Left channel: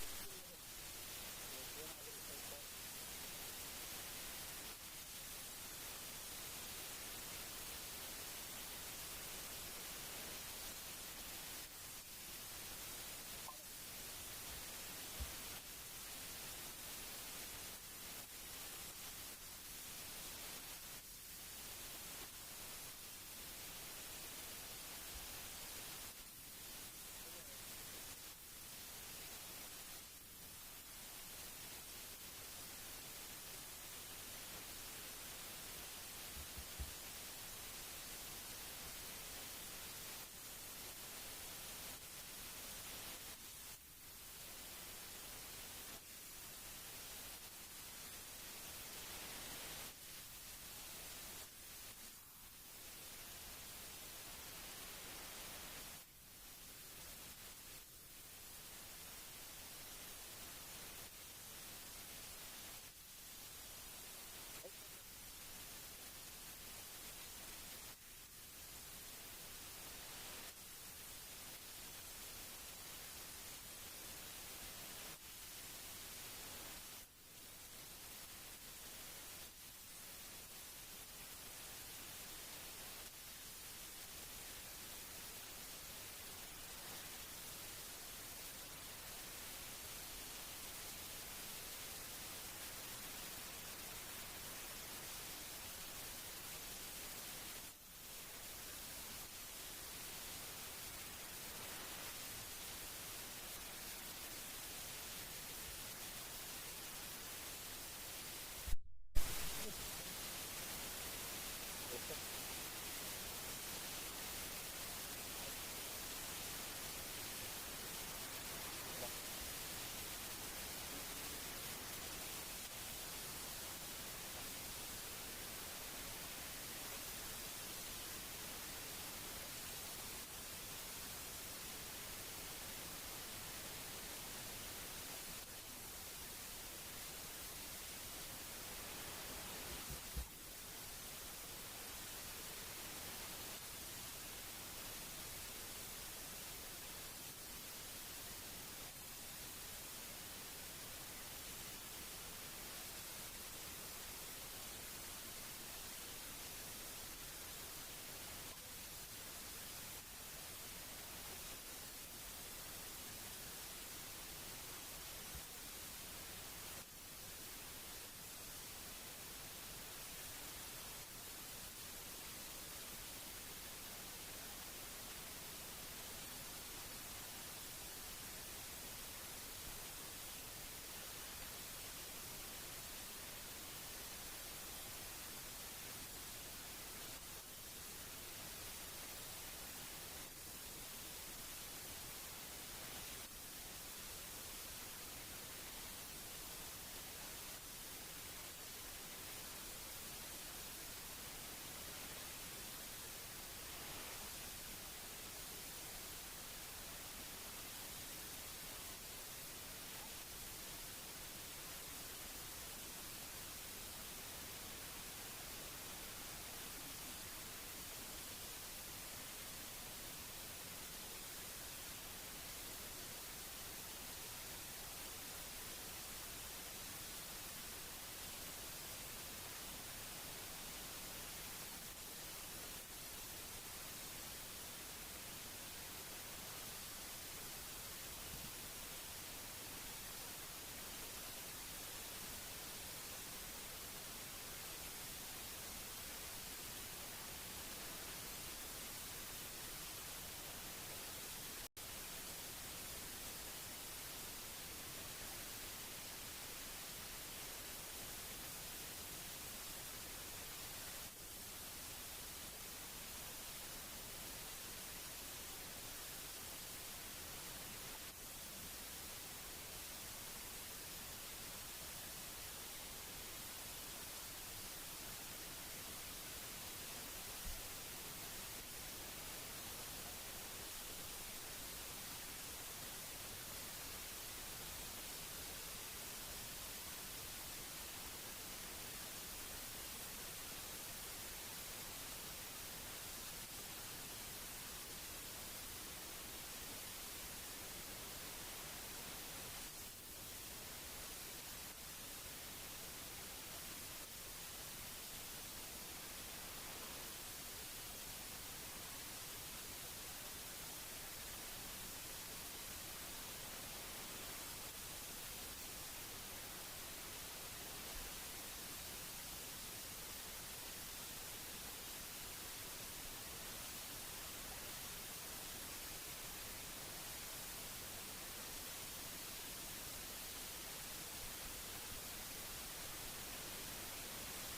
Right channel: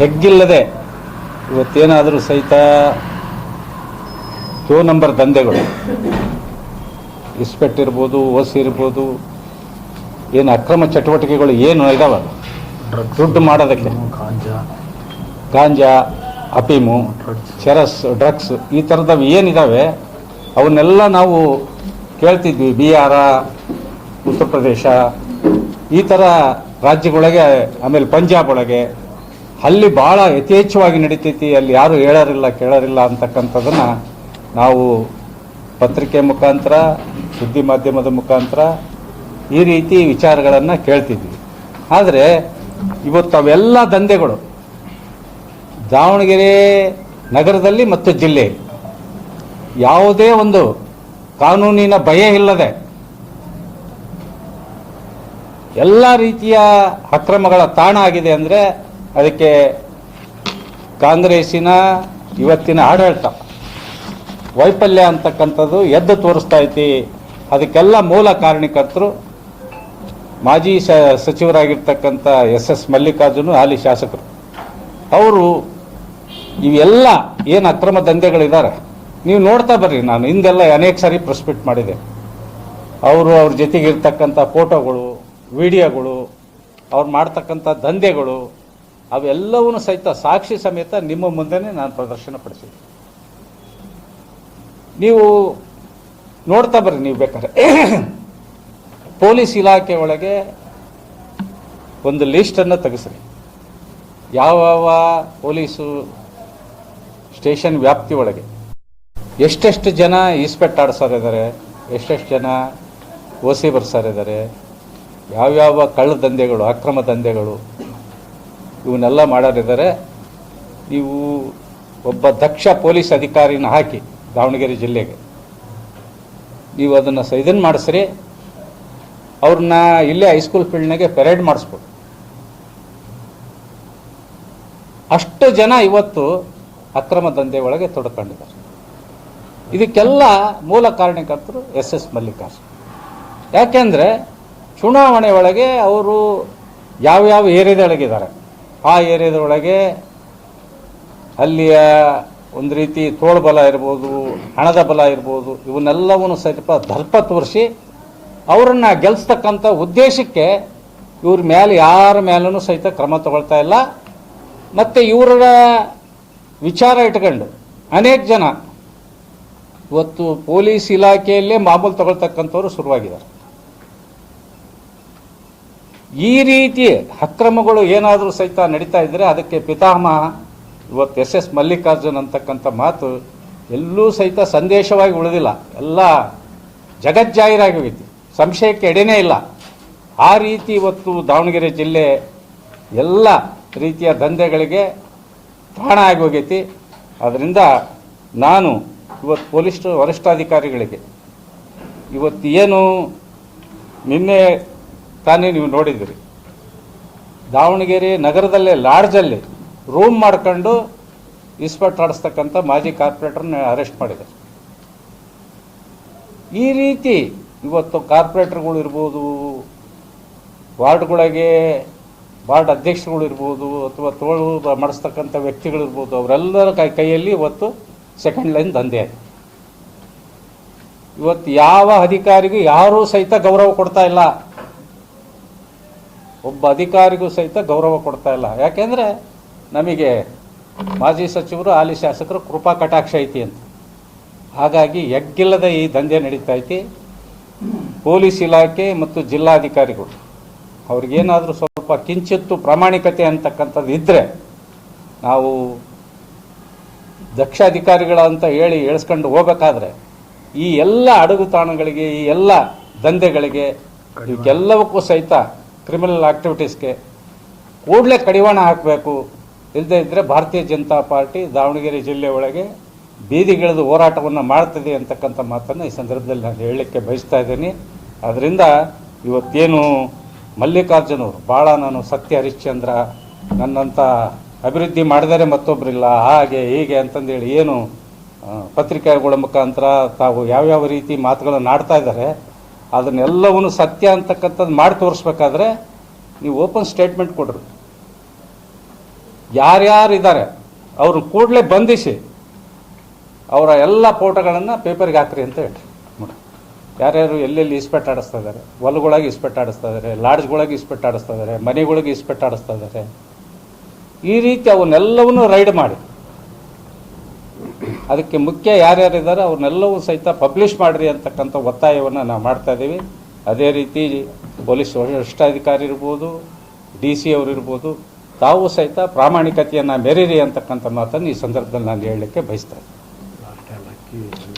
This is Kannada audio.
ಹೆಗ್ಗಿಲ್ಲದೆ ಇವತ್ತೇನಾದರೂ ಸಹಿತ ನಂಬರ್ ದಂಧೆಗಳು ಇಸ್ಪೆಟ್ ಇರ್ಬೋದು, ಓಸಿ ಇರ್ಬೋದು, ಏನು ಅಕ್ರಮ ಚಟುವಟಿಕೆಗಳು ಏನು ಇದಾವೆ ದುಡ್ಡು ಮಾಡೋದಕ್ಕೆ, ಗಾಂಜಾ, ಅಫೀಮು, ಚೆರಸ್, ಡ್ರಗ್ಸ್ ಈ ಥರದವು ಏನಿದ್ದಾವೆ ಅವನ್ನೆಲ್ಲ ನಾವು ಕೇಳ್ತಿದ್ವಿ. ಬಿಹಾರ, ಉತ್ತರ ಪ್ರದೇಶ ಈ ಥರ ರಾಜ್ಯಗಳೊಳಗೆ, ಆಮೇಲೆ ಪಂಜಾಬ್ ಒಳಗೆ ಅಲ್ಲಿ ಭಾಳ ಯಥೇಚ್ಛವಾಗಿ ನಡೀತೈತಿ. ಅಲ್ಲಿ ಯಾರು ಹೇಳೋರಿಲ್ಲ ಕೇಳೋರಿಲ್ಲ ಅಂತಕ್ಕಂಥದ್ದನ್ನು ನಾವು ಪತ್ರಿಕೆ ಮುಖಾಂತರ, ಸುದ್ದಿ ಮಾಧ್ಯಮದ ಮುಖಾಂತರ ಈ ರೀತಿ ವಿಚಾರಗಳನ್ನು ಕೇಳ್ತಿದ್ವಿ. ಆದರೆ ಇವತ್ತು ಅವೆಲ್ಲ ದಂಧೆಗಳು ದಾವಣಗೆರೆ ನಗರದಲ್ಲಿ ಮತ್ತು ಜಿಲ್ಲೆಯಲ್ಲಿ ಯಾವುದೇ ಒಂದು ಕಾನೂನಿನ ಭಯ ಇಲ್ಲದೆ ಎಲ್ಲ ರೀತಿಯ ಅಕ್ರಮಗಳ ತಾಣ ಆಗಿದೆ ಅಂದರೆ ಅದಕ್ಕೆ ಕಾಂಗ್ರೆಸ್ಸಿನ ಇವತ್ತಿನ ಆಡಳಿತ ವೈಫಲ್ಯ ಅಂತಕ್ಕಂಥದ್ದು ಎದ್ದು ತೋರಿಸ್ತಾ ಐತಿ. ಅದಕ್ಕೆಲ್ಲ ಮೂಲ ಕಾರಣಕರ್ತರು ಮಾಜಿ ಸಚಿವರಾಗಿರ್ತಕ್ಕಂಥ ಎಸ್ ಮಲ್ಲಿಕಾರ್ಜುನ, ಹಾಲಿ ಶಾಸಕರು. ಅವರು ಇವೆಲ್ಲ ಏನು ಅಕ್ರಮ ದಂಧೆಗಳಿದ್ದಾರೆ ನೀವು ನೋಡ್ತಾ ಬರ್ರಿ. ನಾನು ಹಿಂದೆಲ್ಲ ಅನೇಕ ಸಾರಿ ಪ್ರೆಸ್ ಮೀಟ್ ಮಾಡಿದೆ. ಅವ್ರ ಜೊತೆಗಿರ್ತಕ್ಕಂಥ ಫೋಟೋಗಳು, ವಿಡಿಯೋಗಳು, ಅವ್ರು ಮಾಡ್ತಕ್ಕಂಥ ದಂಧೆಗಳು ಅವೆಲ್ಲವೂ ಸಹಿತ ಸಾಕ್ಷಿ ಸಮೇತ ನಿಮ್ಮ ಮುಂದೆನೇ ನಾನು ಪ್ರದರ್ಶನ ಪಡಿಸಿದ್ದೆ. ನೀವು ನೋಡ್ತಾ ಬರ್ರಿ. ನೀವು ಬೇಕಾದ್ರೆ ಪೊಲೀಸ್ ಇಲಾಖೆ ಒಳಗೆ ಒಂದು ಲಿಸ್ಟನ್ನು ತೆಗೆಸ್ರಿ. ಯಾವ ಪೊಲೀಸು ಸ್ಟೇಷನ್ ವ್ಯಾಪ್ತಿ ಒಳಗೆ ಎಷ್ಟೆಷ್ಟು ಜನ ಇಸ್ಪೆಟ್ ಆಡಿಸೋರಿದ್ದಾರೆ, ಎಷ್ಟೆಷ್ಟು ಜನ ಓಸಿ ಬರ್ಸೋರಿದ್ದಾರೆ, ಯಾವ್ಯಾವ ಕಳ್ಳ ದಂಧೆಗಳು, ಅಕ್ರಮ ದಂಧೆಗಳು ಇವನ್ನೆಲ್ಲ ಮಾಡೋರಿದ್ದಾರೆ. ನೀವು ಒಬ್ಬ ದಕ್ಷ ಪೊಲೀಸ್ ಅಧಿಕಾರಿನ ಹಾಕಿ ದಾವಣಗೆರೆ ಜಿಲ್ಲೆಗೆ ನೀವು ಅದನ್ನು ಇದನ್ನು ಮಾಡಿಸ್ರಿ. ಅವ್ರನ್ನ ಇಲ್ಲೇ ಹೈಸ್ಕೂಲ್ ಫೀಲ್ಡ್ನಾಗೆ ಪೆರೇಡ್ ಮಾಡಿಸ್ಬೋದು. ಅಷ್ಟು ಜನ ಇವತ್ತು ಅಕ್ರಮ ದಂಧೆ ಒಳಗೆ ತೊಡ್ಕೊಂಡಿದ್ದಾರೆ. ಇದಕ್ಕೆಲ್ಲ ಮೂಲ ಕಾರಣಕರ್ತರು ಎಸ್ ಮಲ್ಲಿಕಾರ್ಜುನ. ಯಾಕೆಂದರೆ ಚುನಾವಣೆ ಒಳಗೆ ಅವರು ಯಾವ್ಯಾವ ಏರಿಯಾದೊಳಗಿದ್ದಾರೆ ಆ ಏರಿಯಾದೊಳಗೆ ಅಲ್ಲಿಯ ಒಂದು ರೀತಿ ತೋಳ್ಬಲ ಇರ್ಬೋದು, ಹಣದ ಬಲ ಇರ್ಬೋದು, ಇವನ್ನೆಲ್ಲವನ್ನು ಸ್ವಲ್ಪ ದರ್ಪ ತೋರಿಸಿ ಅವರನ್ನು ಗೆಲ್ಲಿಸ್ತಕ್ಕಂಥ ಉದ್ದೇಶಕ್ಕೆ ಇವ್ರ ಮೇಲೆ ಯಾರ ಮೇಲೂ ಸಹಿತ ಕ್ರಮ ತಗೊಳ್ತಾ ಇಲ್ಲ. ಮತ್ತು ಇವರ ವಿಚಾರ ಇಟ್ಕೊಂಡು ಅನೇಕ ಜನ ಇವತ್ತು ಪೊಲೀಸ್ ಇಲಾಖೆಯಲ್ಲೇ ಮಾಮೂಲು ತಗೊಳ್ತಕ್ಕಂಥವ್ರು ಶುರುವಾಗಿದ್ದಾರೆ. ಈ ರೀತಿ ಅಕ್ರಮಗಳು ಏನಾದರೂ ಸಹಿತ ನಡೀತಾ ಇದ್ದರೆ ಅದಕ್ಕೆ ಪಿತಾಮಹ ಇವತ್ತು ಎಸ್ ಮಲ್ಲಿಕಾರ್ಜುನ್ ಅಂತಕ್ಕಂಥ ಮಾತು ಎಲ್ಲೂ ಸಹಿತ ಸಂದೇಶವಾಗಿ ಉಳಿದಿಲ್ಲ. ಎಲ್ಲ ಜಗಜ್ಜಾಹೀರಾಗಿ ಹೋಗಿತ್ತು, ಸಂಶಯಕ್ಕೆ ಎಡೆನೇ ಇಲ್ಲ. ಆ ರೀತಿ ಇವತ್ತು ದಾವಣಗೆರೆ ಜಿಲ್ಲೆ ಎಲ್ಲ ರೀತಿಯ ದಂಧೆಗಳಿಗೆ ತಾಣ ಆಗಿ ಹೋಗೈತಿ. ಅದರಿಂದ ನಾನು ಇವತ್ತು ಪೊಲೀಸ್ ವರಿಷ್ಠಾಧಿಕಾರಿಗಳಿಗೆ ಇವತ್ತು ಏನು ನಿನ್ನೆ ತಾನೇ ನೀವು ನೋಡಿದಿರಿ, ದಾವಣಗೆರೆ ನಗರದಲ್ಲೇ ಲಾಡ್ಜಲ್ಲಿ ರೂಮ್ ಮಾಡ್ಕೊಂಡು ಇಸ್ಪಟ್ ಆಡಿಸ್ತಕ್ಕಂಥ ಮಾಜಿ ಕಾರ್ಪೊರೇಟರ್ನ ಅರೆಸ್ಟ್ ಮಾಡಿದೆ. ಈ ರೀತಿ ಇವತ್ತು ಕಾರ್ಪೊರೇಟರ್ಗಳು ಇರ್ಬೋದು, ವಾರ್ಡ್ಗಳಿಗೆ ವಾರ್ಡ್ ಅಧ್ಯಕ್ಷರುಗಳು ಇರ್ಬೋದು, ಅಥವಾ ತೋಳು ಮಾಡಿಸ್ತಕ್ಕಂಥ ವ್ಯಕ್ತಿಗಳಿರ್ಬೋದು, ಅವರೆಲ್ಲರ ಕೈಯಲ್ಲಿ ಇವತ್ತು ಸೆಕೆಂಡ್ ಲೈನ್ ದಂಧೆ ಆಯಿತು. ಇವತ್ತು ಯಾವ ಅಧಿಕಾರಿಗೂ ಯಾರೂ ಸಹಿತ ಗೌರವ ಕೊಡ್ತಾ ಇಲ್ಲ. ಒಬ್ಬ ಅಧಿಕಾರಿಗೂ ಸಹಿತ ಗೌರವ ಕೊಡ್ತಾ ಇಲ್ಲ. ಯಾಕೆಂದರೆ ನಮಗೆ ಮಾಜಿ ಸಚಿವರು, ಹಾಲಿ ಶಾಸಕರು ಕೃಪಾ ಕಟಾಕ್ಷ ಐತಿ ಅಂತ. ಹಾಗಾಗಿ ಎಗ್ಗಿಲ್ಲದ ಈ ದಂಧೆ ನಡೀತಾ ಐತಿ. ಪೊಲೀಸ್ ಇಲಾಖೆ ಮತ್ತು ಜಿಲ್ಲಾಧಿಕಾರಿಗಳು ಅವ್ರಿಗೇನಾದರೂ ಸ್ವಲ್ಪ ಕಿಂಚಿತ್ತು ಪ್ರಾಮಾಣಿಕತೆ ಅಂತಕ್ಕಂಥದ್ದು ಇದ್ದರೆ, ನಾವು ದಕ್ಷ ಅಧಿಕಾರಿಗಳ ಅಂತ ಹೇಳಿ ಎಳಿಸ್ಕೊಂಡು ಹೋಗಬೇಕಾದ್ರೆ ಈ ಎಲ್ಲ ಅಡಗುತಾಣಗಳಿಗೆ, ಈ ಎಲ್ಲ ದಂಧೆಗಳಿಗೆ, ಇವಕ್ಕೆಲ್ಲವಕ್ಕೂ ಸಹಿತ ಕ್ರಿಮಿನಲ್ ಆಕ್ಟಿವಿಟೀಸ್ಗೆ ಕೂಡಲೇ ಕಡಿವಾಣ ಹಾಕಬೇಕು. ಇಲ್ಲದೇ ಇದ್ದರೆ ಭಾರತೀಯ ಜನತಾ ಪಾರ್ಟಿ ದಾವಣಗೆರೆ ಜಿಲ್ಲೆ ಒಳಗೆ ಬೀದಿಗಿಳಿದು ಹೋರಾಟವನ್ನು ಮಾಡ್ತದೆ ಅಂತಕ್ಕಂಥ ಮಾತನ್ನು ಈ ಸಂದರ್ಭದಲ್ಲಿ ನಾನು ಹೇಳಲಿಕ್ಕೆ ಬಯಸ್ತಾ ಇದ್ದೀನಿ. ಅದರಿಂದ ಇವತ್ತೇನು ಮಲ್ಲಿಕಾರ್ಜುನ್ ಅವರು ಭಾಳ ನಾನು ಸತ್ಯ ಹರಿಶ್ಚಂದ್ರ, ನನ್ನಂಥ ಅಭಿವೃದ್ಧಿ ಮಾಡಿದರೆ ಮತ್ತೊಬ್ಬರಿಲ್ಲ, ಹಾಗೆ ಹೀಗೆ ಅಂತಂದೇಳಿ ಏನು ಪತ್ರಿಕೆಗಳ ಮುಖಾಂತರ ತಾವು ಯಾವ್ಯಾವ ರೀತಿ ಮಾತುಗಳನ್ನು ಆಡ್ತಾ ಇದ್ದಾರೆ, ಅದನ್ನೆಲ್ಲವೂ ಸತ್ಯ ಅಂತಕ್ಕಂಥದ್ದು ಮಾಡಿ ತೋರಿಸ್ಬೇಕಾದ್ರೆ ನೀವು ಓಪನ್ ಸ್ಟೇಟ್ಮೆಂಟ್ ಕೊಡ್ರಿ. ಯಾರ್ಯಾರಿದ್ದಾರೆ ಅವ್ರನ್ನ ಕೂಡಲೇ ಬಂಧಿಸಿ ಅವರ ಎಲ್ಲ ಫೋಟೋಗಳನ್ನು ಪೇಪರ್ಗೆ ಹಾಕ್ರಿ ಅಂತ ಹೇಳ್ರಿ. ನೋಡಿ ಯಾರ್ಯಾರು ಎಲ್ಲೆಲ್ಲಿ ಇಸ್ಪೆಟ್ ಆಡಿಸ್ತಾ ಇದ್ದಾರೆ, ಹೊಲಗಳಿಗೆ ಇಸ್ಪೆಟ್ ಆಡಿಸ್ತಾ ಇದ್ದಾರೆ, ಲಾಡ್ಜ್ಗಳಿಗೆ ಇಸ್ಪೆಟ್ ಆಡಿಸ್ತಾ ಇದ್ದಾರೆ, ಮನೆಗಳಿಗೆ ಇಸ್ಪೆಟ್ ಆಡಿಸ್ತಾ ಇದ್ದಾರೆ. ಈ ರೀತಿ ಅವನ್ನೆಲ್ಲವನ್ನೂ ರೈಡ್ ಮಾಡಿ ಅದಕ್ಕೆ ಮುಖ್ಯ ಯಾರ್ಯಾರಿದ್ದಾರೆ ಅವ್ರನ್ನೆಲ್ಲವೂ ಸಹಿತ ಪಬ್ಲಿಷ್ ಮಾಡಿರಿ ಅಂತಕ್ಕಂಥ ಒತ್ತಾಯವನ್ನು ನಾವು ಮಾಡ್ತಾ ಇದ್ದೀವಿ. ಅದೇ ರೀತಿ ಪೊಲೀಸ್ ವರಿಷ್ಠಾಧಿಕಾರಿ ಇರ್ಬೋದು, DC ಅವರು ಇರ್ಬೋದು, ತಾವು ಸಹಿತ ಪ್ರಾಮಾಣಿಕತೆಯನ್ನು ಮೆರೀರಿ ಅಂತಕ್ಕಂಥ ಮಾತನ್ನು ಈ ಸಂದರ್ಭದಲ್ಲಿ ನಾನು ಹೇಳಲಿಕ್ಕೆ ಬಯಸ್ತಾ ಇದ್ದೀನಿ.